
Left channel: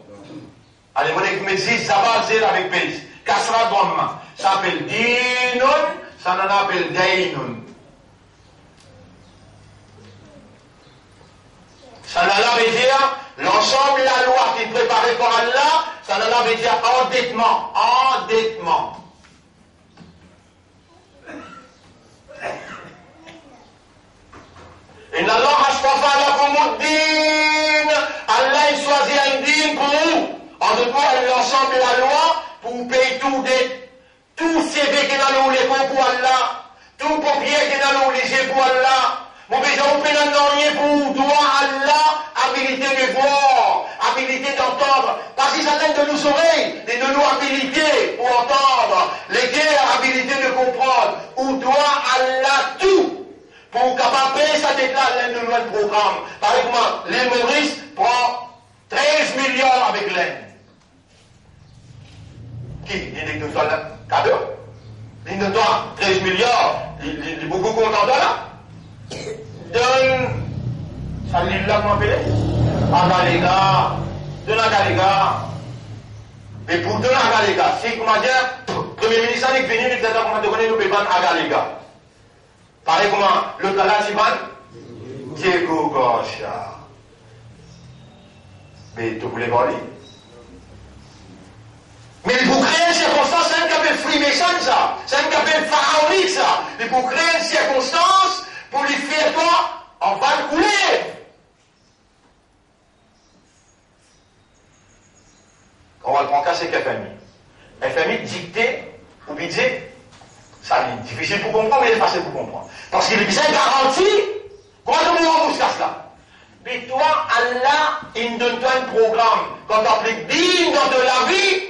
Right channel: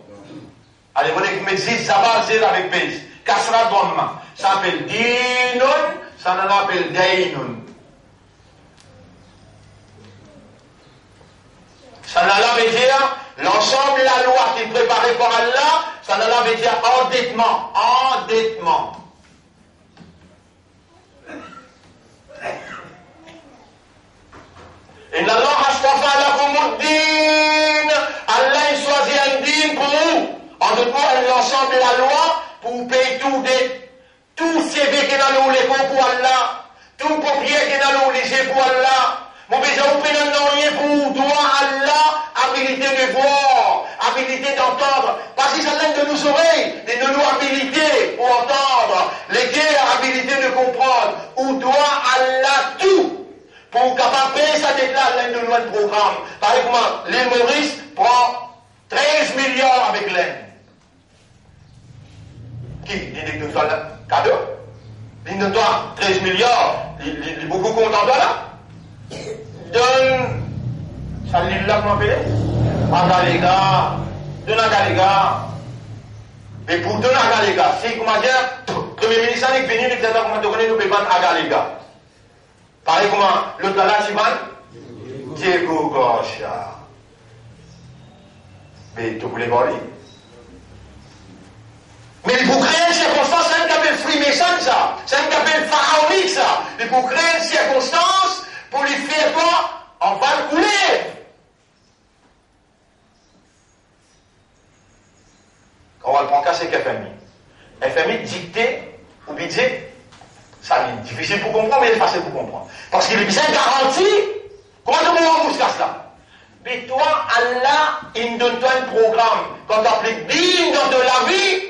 Allez, vous voulez que vous mettez Zabal Zel avec base. Kasra Dhamma. Ça s'appelle Dinun, ça n'en appelle Dainun. Ça n'en veut dire l'ensemble de la loi qui est préparée par Allah, ça n'en veut dire endettement. Et Allah astafa lakumuddin. Allah il choisit un din pour vous. En d'autres mots, l'ensemble de la loi pour vous payer tout CV qui est dans les cours pour Allah, tout papier qui est dans les pour Allah. Mon besoin vous paye rien pour droit Allah, habilité de voir, habilité d'entendre. Parce que ça l'aide de nos oreilles, et de nos habilités pour entendre, les guerres, habilité de comprendre. Où doit Allah tout? Pour capable payer ça qui est là, l'aide de nous le programme. Par exemple, l'île Maurice prend 13 milliards avec l'aide. Qui? Il dit que nous sommes cadeau. Il nous doit 13 milliards. Il est beaucoup content de là. Donne. Ça l'île là, comment appeler? Donne à Galéga. Mais pour donner à Galéga, c'est comment dire? Premier ministre, il est venu, il dit, comment tu connais, nous pouvons à Galiga. Pareil comment, l'autre là, tu vas, Diego Gocha. Mais tu voulais voir lui. Mais il faut créer une circonstance, c'est un capel Freemason, ça. C'est un capel pharaonique, ça. Il faut créer une circonstance pour lui faire quoi? On va le couler. On va le prendre qu'à c'est FMI. FMI dicté ou budget, ça est difficile pour comprendre, mais il est facile pour comprendre. Parce qu'il est bien garanti. Comment on rembourse ça? Mais toi, Allah, il donne toi un programme. Quand tu appliques bien dans de la vie,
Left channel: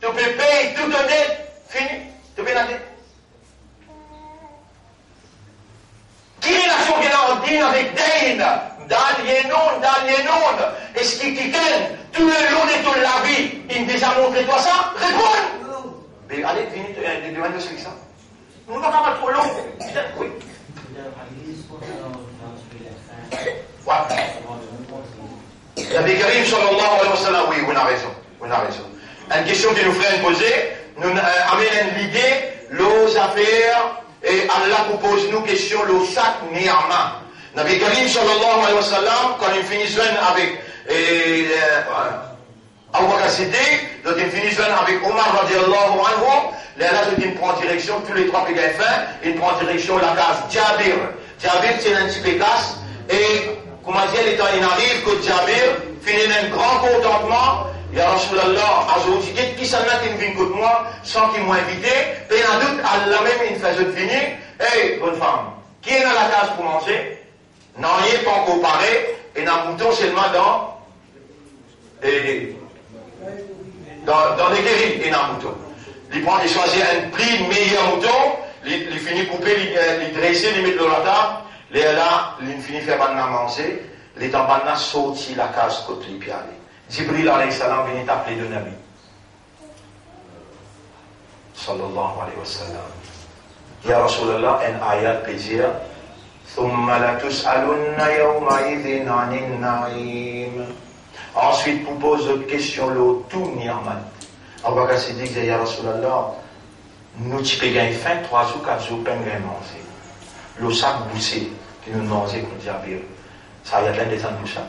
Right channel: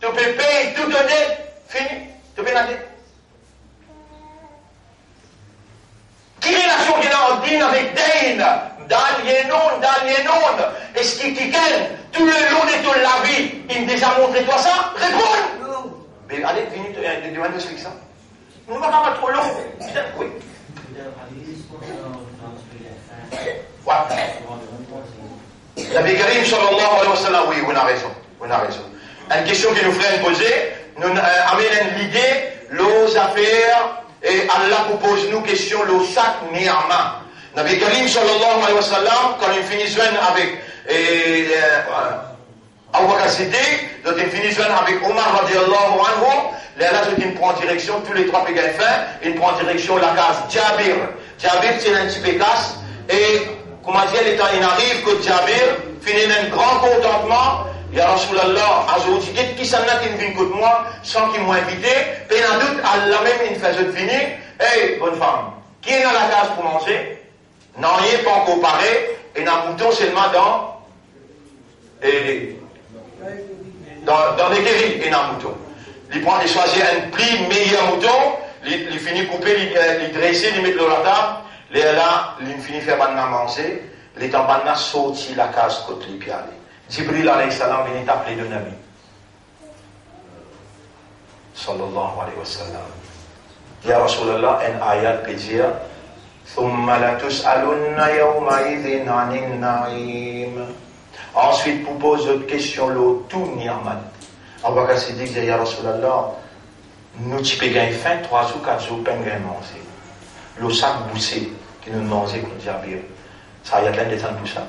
tu peux payer toute ta dette. Fini. Tu payes la dette. Quelle relation qu'il a en dîne avec Dain? Dans est-ce qu'il t'y tout le long de toute la vie, il me déjà montré toi ça? Réponds! Mais allez, finis, tu demandes de ça. Nous ne va pas trop long. Oui. La Karim sallallahu alayhi wa sallam, oui, on a raison. Une question qui nous ferait poser, nous amène l'idée, les affaires, et Allah propose nous question, le sac ni'ama. Nabi Karim sallallahu alayhi wa sallam, quand il finit avec Abu Bakr Siddiq, quand il finit avec Omar radiallahu anhu, là, il prend direction, tous les trois pégains fins, il prend direction la case Jabir. Jabir, c'est un petit pécasse, et comment dire, les temps, il arrive que Jabir finit un grand contentement. Ya Rasulallah, Azouti, qui s'en a qui vient contre moi, sans qu'il m'ait invité, et en doute, Allah même, il fait ce finir. Hey, bonne femme, qui est dans la case pour manger? Non, il n'est pas encore paré, et dans le mouton seulement dans des guéris, et dans le mouton. Il prend, il choisit un prix meilleur mouton, il finit couper, il dresser, il met de la table, et là, il finit faire banana manger, les banana sorti la case côté les pieds. Jibril alayhi salam vient t'appeler de Nabi. Sallallahu alayhi wa sallam. Ya Rasulallah, un ayat plaisir. Ensuite, vous pose d'autres questions, le tout ni'mat. Abu Bakr Siddiq dit, Ya Rasulallah, nous t'y payons fin, 3 ou 4 jours, pas de manger. Le sac boussé, qui nous mangeait comme Jabir. Ça y a de l'indécent pour ça,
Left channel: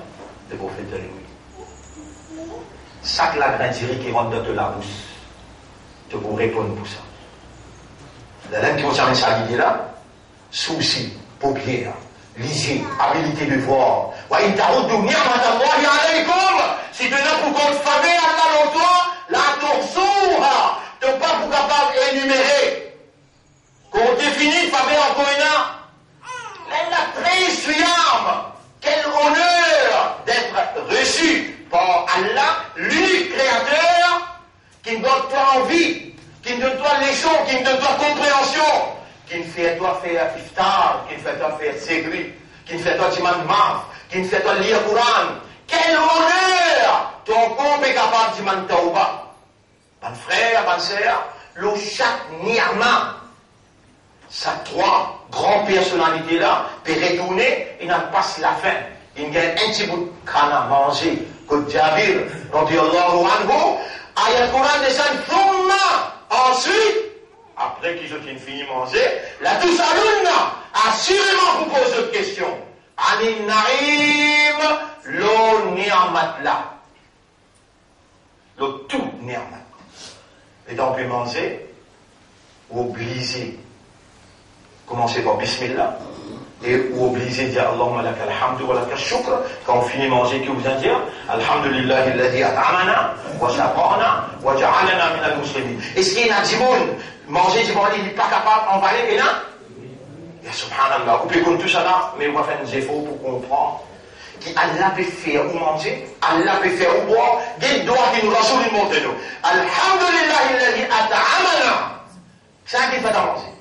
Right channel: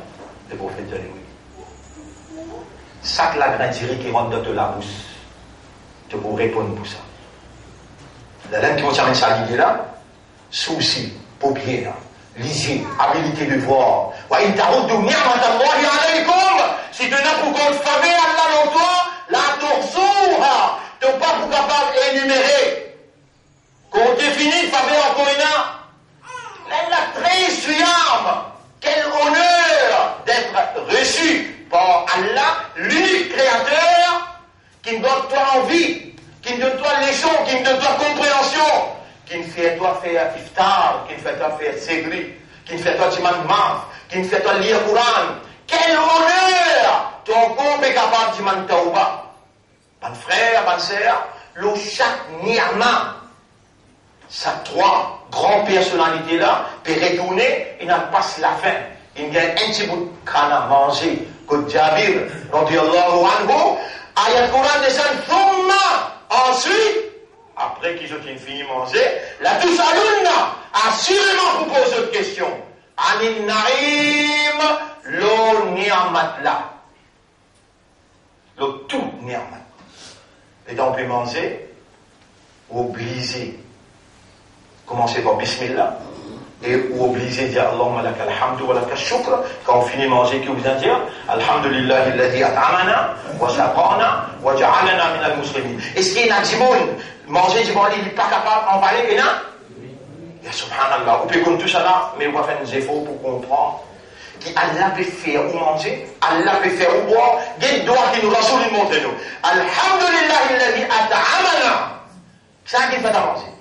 le prophète de oui. Sac la grandirie qui rentre dans la bouche. Tu peux répondre pour ça. La langue qui concerne ça, l'idée là, souci, paupières, lisier, habilité de voir. Ouais, il t'a redonné si tu n'as pour qu'on te faveur Allah dans toi, la torsura, tu n'es pas pour capable d'énumérer. Qu'on définit faveur encore une. La très suyam, quel honneur d'être reçu par Allah, l'unique créateur, qui me donne toi envie, qui me donne toi leçon, qui me donne toi compréhension, qui me fait toi faire iftar, qui me fait toi faire segri, qui me fait toi dimandement, qui me fait toi lire le Coran. Quel honneur! Ton corps est capable de demander tauba. Mon frère, ma soeur, le chaque ni'ama, ces 3 grandes personnalités là, peut retourner, il n'en passe la fin. Il y a un petit bout de crâne à manger, que Jabir, radiallahu anhu, ayat Coran descend, ensuite, après qu'ils ont fini de manger, la douce alunna, assurément vous pose une question. Anin naïm, lo ni'amat la. Le tout ni'amat. Et donc, on peut manger, ou obliger. Commencez par Bismillah. Et ou obliger de dire Allahumma laka alhamdu wa laka shukr. Quand on finit de manger, que vous allez dire Alhamdulillah alladhi at'amana wa saqana wa ja'alana min al-muslimin. Est-ce qu'il y a un monde manger du bon, il n'est pas capable d'emballer qu'il y a? Ya subhanallah. Vous pouvez comme tout ça là, mais on va faire des efforts pour comprendre qu'Allah peut faire ou manger, Allah peut faire ou boire, des doigts qui nous rassurent le monde de nous. Alhamdulillah alladhi at'amana. C'est ça qu'il fait à manger.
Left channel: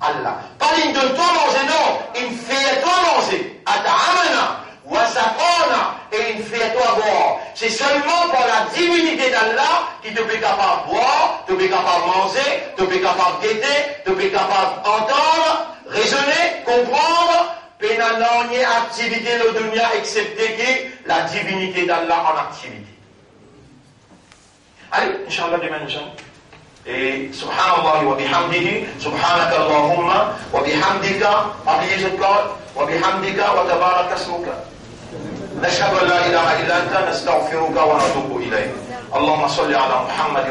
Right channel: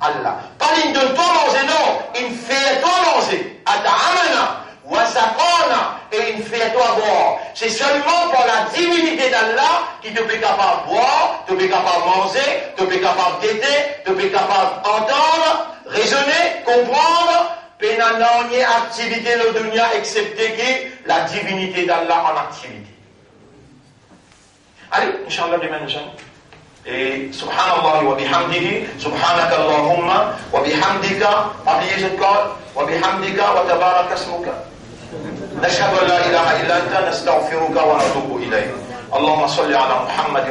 Allah. Pas il donne toi manger, non. Il fait toi manger. Ata'amana, wasaqana, et il fait toi boire. C'est seulement par la divinité d'Allah qui te fait capable de boire, te fait capable de manger, te fait capable d'aider, te fait capable d'entendre, raisonner, comprendre. Pénanant ni activité de dunya excepté que la divinité d'Allah en activité. Allez, Inch'Allah, demain, Inch'Allah. Et subhanallah wa bihamdihi, subhanaka Allahumma wa bihamdika, abiyizuka wa bihamdika wa tabaraka asmuka. نشهد أن لا إله إلا أنت نستغفرك ونتوب إليك. اللهم صل على محمد